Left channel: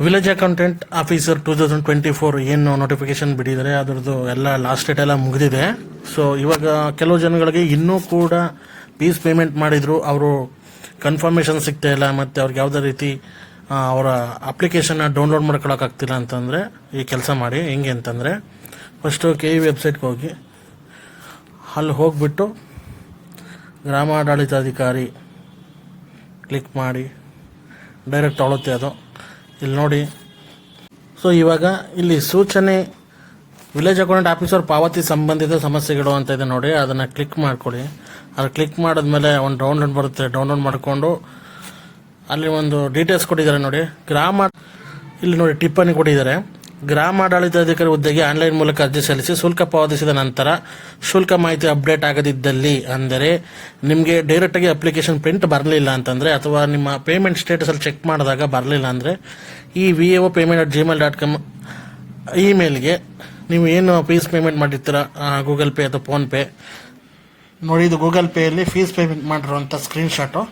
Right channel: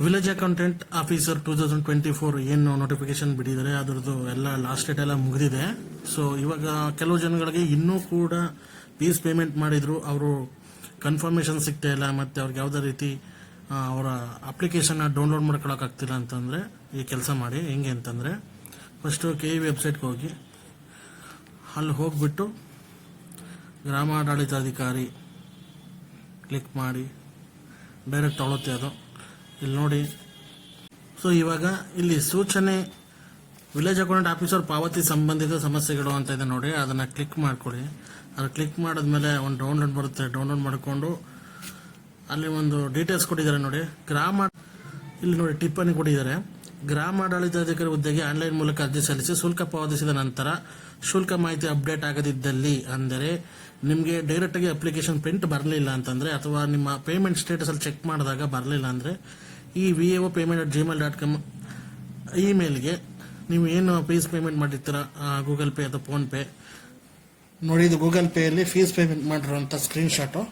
Village accountant officer 2024 ಏನು notification ಬಿಟ್ಟಿದ್ದಾರೆ ಅದರದ್ದು ಎಲ್ಲ ಲಾಸ್ಟ್ ಡೇಟ್ ಎಲ್ಲ ಮುಗಿದಿದೆ. ಸೊ ಇವಾಗ ಕೆಲವು ಜನಗಳಿಗೆ ಇನ್ನೂ ಕೂಡ ಫೀಸ್ ಪೇಮೆಂಟ್ ಮಾಡಿದ್ರು, ಅವರು ಕನ್ಫರ್ಮೇಷನ್ ಸಿಗ್ತಾ ಇಲ್ಲ, ಮತ್ತು ಅವ್ರಿಗೆ ಯಾವುದೇ ರೀತಿ ಅವರ ಅಪ್ಲಿಕೇಶನ್ನ ಡೌನ್ಲೋಡ್ ಮಾಡ್ಕೊಳಕ್ಕಾಗ್ತಿಲ್ಲ ಅಂತಂದರೆ ಈ ಕೆಲಸ ಮಾಡಿ. ಹೆಂಗೆ ಅಂತಂದರೆ ಫಸ್ಟು KE ವೆಬ್ಸೈಟ್ಗೆ ಹೋಗಿ ಅಲ್ಲಿ ಹೋಗಿಬಿಟ್ಟು ಗ್ರಾಮಾಡಳಿತಾಧಿಕಾರಿ ಕ್ಲಿಕ್ ಮಾಡಿ ಡೈರೆಕ್ಟ್ ತೊಗೊಳುತ್ತೆ ಅದು. ಇಲ್ಲಿ ನೋಡಿ, ಸೊ ಇವಾಗ ಇಲ್ಲಿ ಸೂಚನೆ ವಿಲೇಜ್ ಅಕೌಂಟೆಂಟ್ ಆಫೀಸರ್ ಪಾವತಿ ಸಂಬಂಧಿತ ಸಮಸ್ಯೆಗಳು ಅಂತ ಇದೆ ನೋಡಿ, ಅದನ್ನು ಕ್ಲಿಕ್ ಮಾಡ್ಕೊಳ್ಳಿ. ಅದು ಕ್ಲಿಕ್ ಮಾಡಿದ್ಮೇಲೆ ಒಂದು ಡೌನ್ಲೋಡ್ ಬರುತ್ತೆ. ಡೌನ್ಲೋಡ್ ಮಾಡಿಕೊಂಡು ಅಲ್ಲಿ ಒಂದು ಡೀಟೇಲ್ಸ್ ಕೊಟ್ಟಿದ್ದಾರೆ ನೋಡಿ. ಇಲ್ಲಿ ನೋಡಿ ಟಿಪ್ಪಣಿ ಕೊಟ್ಟಿದ್ದಾರೆ. ಗ್ರಾಮಾಡಳಿತಾಧಿಕಾರಿ ಹುದ್ದೆಗೆ ಆನ್ಲೈನ್ ಮೂಲಕ ಅರ್ಜಿ ಸಲ್ಲಿಸಿ ಶುಲ್ಕ ಪಾವತಿಸಿದ ನಂತರ ಶುಲ್ಕ ಮಾಹಿತಿ ಅಪ್ಡೇಟ್ ಆಗದಿದ್ದಲ್ಲಿ, ಅಂದರೆ ನಿಮಗೆ ಡೈರೆಕ್ಟಾಗಿ ಅಪ್ಲಿಕೇಶನ್ ಪ್ರಿಂಟ್ ಬರಲಿಲ್ಲ ಅಂತಂದರೆ, ಅಥವಾ ನಿಮ್ಮ ಪೇಮೆಂಟ್ ಸ್ಟೇಟಸಲ್ಲಿ ಚೆಕ್ ಮಾಡಿದಾಗ ಬರಲಿಲ್ಲ ಅಂದರೆ, ಈ vao@gmail.com ಇಮೇಲ್ಗೆ ನೀವು ಏನು ಫೀಸ್ ಪೇಮೆಂಟ್ ಮಾಡಿರ್ತೀರ, ಗೂಗಲ್ ಪೇ ಅಥವಾ ಫೋನ್ಪೇ ನೋಡಿ, ಇದು ಗೂಗಲ್ ಪೇಯಲ್ಲಿ ಫೀಸ್ ಪೇಮೆಂಟ್ ಮಾಡಿರುವಂಥ ಸ್ಕ್ರೀನ್ಶಾಟು,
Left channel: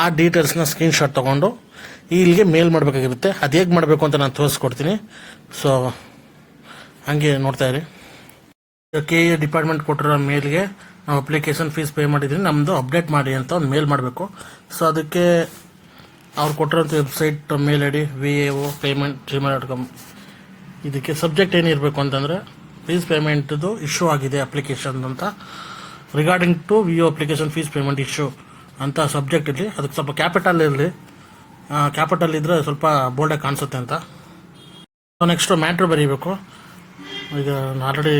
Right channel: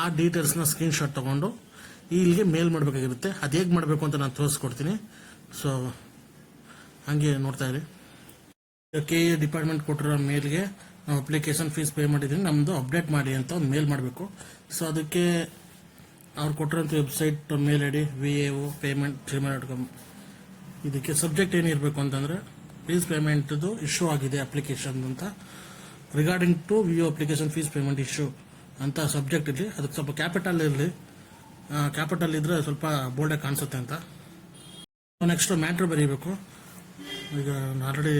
ಆ ಡೀಟೇಲ್ಸ್ನ ಸ್ಕ್ರೀನ್ಶಾಟ್ ತೊಗೊಂಡು ಇಲ್ಲಿಗೆ ಮೇಲ್ ಮಾಡಬೇಕಾಗಿರುತ್ತೆ. ಅದು ಹೇಗೆ ಮಾಡಬೇಕು ಅಂತ ನಾನು ತೋರಿಸ್ಕೊಡ್ತೀನಿ. ಸೊ ಹಂಗೆ ನೋಡ್ತಾ ಇರಿ. KE ಡಿಪಾರ್ಟ್ಮೆಂಟ್ ಕೊಟ್ಟಿರೋ ಮೇಲ್ಗೆ ನಾವು ಅಪ್ಲಿಕೇಶನ್ ಫೀಸ್ ಪೇ ಮಾಡಿದ್ದೀನಿ, ನಮ್ಮದು ಅಪ್ಡೇಟ್ ಮಾಡಿ ಅಂತ ಒಂದು ಮೇಲ್ ಮಾಡಬೇಕು. ಸೊ ಅದಕ್ಕೆ ಅವ್ರು ಕೊಟ್ಟಿರೋಂಥ ವೆಬ್ಸೈಟ್ ಮೇಲ್ ID vao@gmail.com. ಇದಕ್ಕೆ ಸಬ್ಜೆಕ್ಟ್ ಏನಿರಬೇಕು ಅಂತಂದರೆ ಫೀಸ್ ಪೇಮೆಂಟ್ದು ಇಶ್ಯೂ ಆಗಿದೆ ಅಪ್ಲಿಕೇಶನ್ ಅಂತ, regarding to VO application fees payment issue ಅಂತ ಸಬ್ಜೆಕ್ಟ್ ಇರಲಿ. ಅದಕ್ಕೆ ಸ್ವಲ್ಪ ಕ್ಯಾಪಿಟಲ್ ಇರಲಿ, ಕ್ಯಾಪಿಟಲ್ ಇದ್ದರೆ ಸ್ವಲ್ಪ ಬೋಲ್ಡಾಗಿ ಕಾಣಿಸುತ್ತೆ ಅಂತ. ನೆಕ್ಸ್ಟು ಮ್ಯಾಟ್ರ್ ಬರೀಬೇಕು. ಈಗ ನಾನು ಆಲ್ರೆಡಿ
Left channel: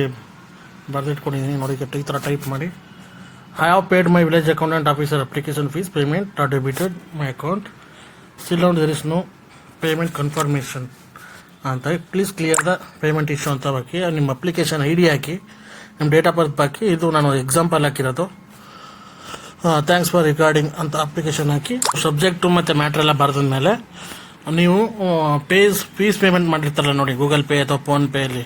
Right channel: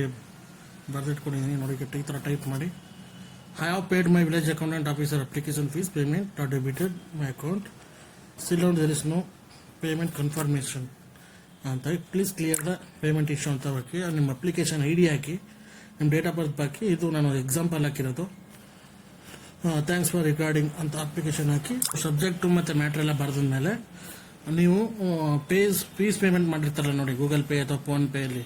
ಬರೆದಿಟ್ಕೊಂಡಿದ್ದೀನಿ ನೋಡಿ, ಈ ಥರ ಟೈಪ್ ಮಾಡಿ, I have paid my village accountant officer application fees payment debited my account, still on there is no payment confirmation ಅಂತ. Please clear the payment issue ಅಂತ ಹಾಕಿ, ನಿಮ್ಮ ಅಪ್ಲಿಕೇಶನ್ ID ಹಾಕಿ, ನಿಮ್ಮ ಡೇಟ್ ಆಫ್ ಬರ್ತ್ ಹಾಕಿ. ಇದು ನಾನು example ಹಾಕಿರೋದು. Thanks for regarding ಅಂತ application ಹಾಕಿ, subject ಮತ್ತು ಮ್ಯಾಟ್ರ್ ಎಲ್ಲ ಬರೆದ ಮೇಲೆ ನೀವು ಫೀಸ್ ಪೇಮೆಂಟ್ ಮಾಡಿರ್ತಾರಲ್ಲ ನೋಡಿ, ಗೂಗಲ್ ಪೇ ಅಥವಾ ಫೋನ್ಪೇಯಲ್ಲಿ,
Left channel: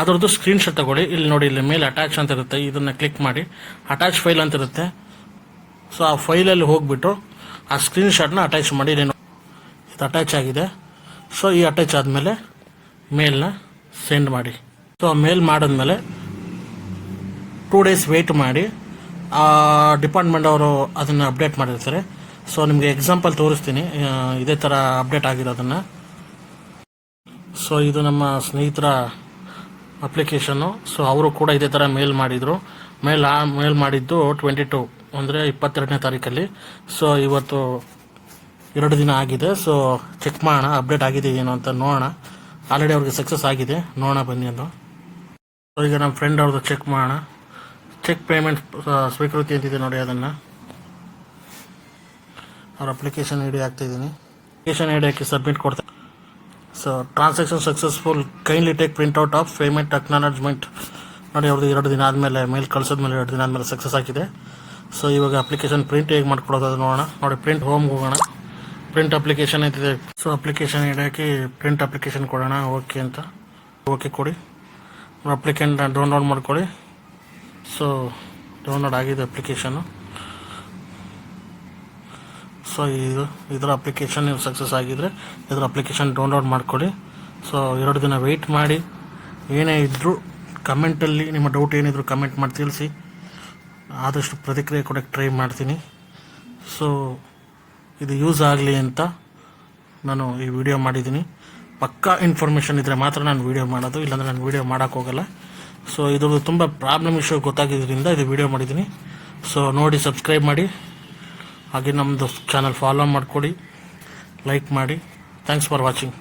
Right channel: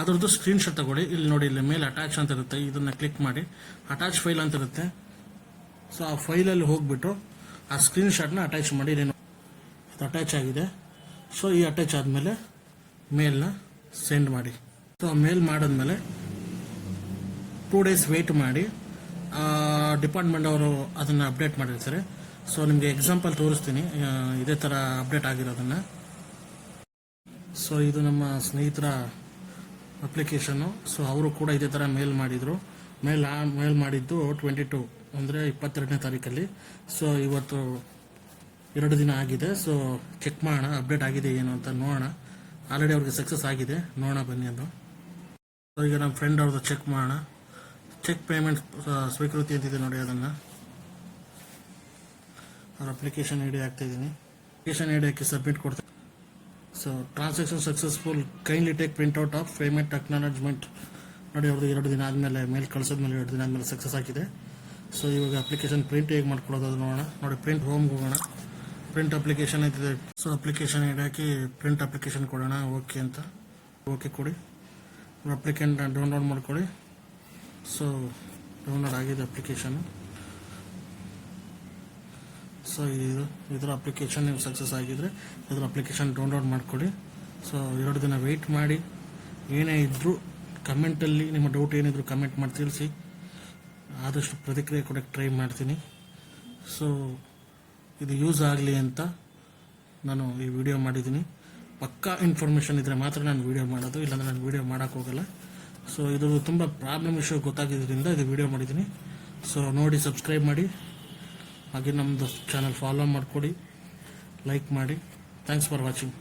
ಅದರದ್ದು ಸ್ಕ್ರೀನ್ಶಾಟ್ ತಗೊಳ್ಳಿ. ಇಲ್ಲಿ ನೋಡಿ, ಇಲ್ಲಿ ಮೇಲೆ ಅಟ್ಯಾಚ್ ಅಂತ ಇರುತ್ತೆ, ಇದನ್ನು ಕ್ಲಿಕ್ ಮಾಡಿ ಅಟ್ಯಾಚ್ ಫೈಲ್ ಅಂತ ಇರುತ್ತೆ. ಸೊ ಆ ಫೈಲಲ್ಲಿ ಹೋಗಿಬಿಟ್ಟು ಆ ಸ್ಕ್ರೀನ್ಶಾಟ್ನ ಅಟ್ಯಾಚ್ ಮಾಡಿ. ಇದು ಅಟ್ಯಾಚ್ ಆಗಿದೆ. ಸೊ ಈ ಅಟ್ಯಾಚ್ ಆದಮೇಲೆ ಮೇಲ್ನ ಸೆಂಡ್ ಮಾಡಿ. ಸೊ ಮೇಲ್ ಮಾಡಿದ್ಮೇಲೆ 2 days ವೆಯ್ಟ್ ಮಾಡಿ, ಡಿಪಾರ್ಟ್ಮೆಂಟ್ ಅವರು ಅದನ್ನು ಅಪ್ಡೇಟ್ ಮಾಡಿರ್ತಾರೆ. ಸೊ ನಿಮಗೆ ಎಕ್ಸಾಂಪಲ್ ತೋರಿಸ್ತೀನಿ ಇದೇ ಥರ ಅಪ್ಡೇಟ್ ಆಗಿರೋದನ್ನು. ಸೊ ಇದು ನಮ್ಮ ಸ್ನೇಹಿತರ ಅಪ್ಲಿಕೇಶನ್ನು. ಸೊ ಅವರು ಕೂಡ ಇದೇ ಥರ ಮೇಲ್ ಮಾಡಿದರು. ಮೇಲ್ ಮಾಡಿದ್ದು 22 ಅಂದರೆ 22ನೇ ತಾರೀಕಲ್ಲಿ. ಸೊ ಇವತ್ತು 2 ದಿನ ಆಗಿದೆ. ಸೊ ಚೆಕ್ ಮಾಡೋಣ ಅಪ್ಡೇಟ್ ಆಗಿದೆ ಏನು ಅಂತ ನೋಡೋಣ. ಆಲ್ರೆಡಿ ಅವ್ರಿಗೆ ಸಕ್ಸಸ್ ಆಗಿದೆ, ನೋಡೋಣ ಬನ್ನಿ ಅಂತ. ಸೊ ಈಗ ನಮ್ಮ ಫ್ರೆಂಡ್ ಅವ್ರದ್ದು ಚೆಕ್ ಮಾಡೋಣ. ಚೆಕ್ ಪೇಮೆಂಟ್ ಸ್ವೀಕೃತಿ ಅಂತಿದೆ ನೋಡಿ, ಅದನ್ನು ಅವ್ರ ಅಪ್ಲಿಕೇಶನ್ ID ಹಾಕ್ತಿದ್ದೀನಿ. ಅಪ್ಲಿಕೇಶನ್ ID ಹಾಕಿ ಸಬ್ಮಿಟ್ ಕೊಡ್ತಾರೆ. So transaction successful, kindly take printout of payment acknowledgement ನೋಡಿ. ಅವ್ರದ್ದು 2 ದಿನ ಆದಮೇಲೆ ಮೇಲ್ ಕಳಿಸಿದ್ಮೇಲೆ 2 ದಿನ ಆದಮೇಲೆ ಸಕ್ಸಸ್ ಆಗಿದೆ. ಸೊ ಇವಾಗ ಅಪ್ಲಿಕೇಶನ್ ಪ್ರಿಂಟ್ ಹೇಗೆ ಮಾಡ್ಕೊಡೋದು ಅದು ನೋಡೋಣ. ನೋಡಿ, ಪ್ರಿಂಟ್ ಹೋಮ್ಗೆ ಹೋಗೋಣ. ಪ್ರಿಂಟ್ ಅಪ್ಲಿಕೇಶನ್ ಐತಿದೆ. ಸೊ ಅಪ್ಲಿಕೇಶನ್ ID ಹಾಕಿ ಪ್ರಿಂಟ್ ಅಪ್ಲಿಕೇಶನ್ ಕೊಡೋಣ. ಓಕೆ ಅಂತ ಓಕೆ ಕೊಡಿ. ಅಪ್ಲಿಕೆಂಟ್ ಡೌನ್ಲೋಡ್ ಮಾಡ್ಕೊಳ್ಳಿ. ಸೊ ಡೌನ್ಲೋಡ್ ಆಗಿದೆ ಅಪ್ಲಿಕೇಶನು. ಸೊ ಇದರ ಅಪ್ಲಿಕೇಶನ್ ನೀವು ಸಕ್ಸಸ್ ಆಗಿದ್ದರೆ ಇದರ ಅಪ್ಲಿಕೇಶನ್ ಡೌನ್ಲೋಡ್ ಮಾಡ್ಕೊಳ್ಳಿ. ಸೊ 2 ದಿನ ವೆಯ್ಟ್ ಮಾಡಿ. ಏನೇ ಇದ್ದರೂ ಕಮೆಂಟಲ್ಲಿ ನಿಮ್ಮ ಡೌಟ್ ಏನಿದ್ರು ಕಮೆಂಟ್ ಮಾಡಿ ತಿಳಿಸಿ. ಆದಷ್ಟು ಪ್ರತಿಕ್ರಿಯೆ ಕೊಡೋಕ್ಕೆ ಟ್ರೈ ಮಾಡ್ತೀನಿ. ಸೊ ಇದು ಯೂಸ್ ಆಗಲಿ ಅಂತ ನಾನು ಈ ವಿಡಿಯೋ ಮಾಡಿದ್ದೀನಿ. ಪಕ್ಕಾ ಇನ್ಫಾರ್ಮೇಷನ್ ಇದ್ದರೆ ಮಾತ್ರ ನಾನು ವಿಡಿಯೋ ಮಾಡೋದು, ಇಲ್ಲಾಂದರೆ ನಾನು ವಿಡಿಯೋ ಮಾಡೋಕ್ಕೋಗಲ್ಲ. ಸೊ ಇದ್ರದ್ದು ತುಂಬ ಪ್ರಾಬ್ಲಮ್ ಇಶ್ಯೂ ಗೊತ್ತಾಗಿದ್ದರಿಂದ ಇದು ವಿಡಿಯೋ ಮಾಡಿದ್ದೀನಿ. ಸೊ ನೋಡಿ, ಸಬ್ಸ್ಕ್ರೈಬ್ ಮಾಡಿ, ಹಾಗೆ ನಮ್ಮದು ಚಾನಲ್ ಫಾಲೋ ಮಾಡಿಕೊಡಿ, ಲೈಕ್ ಮಾಡಿ. Thanks for watching.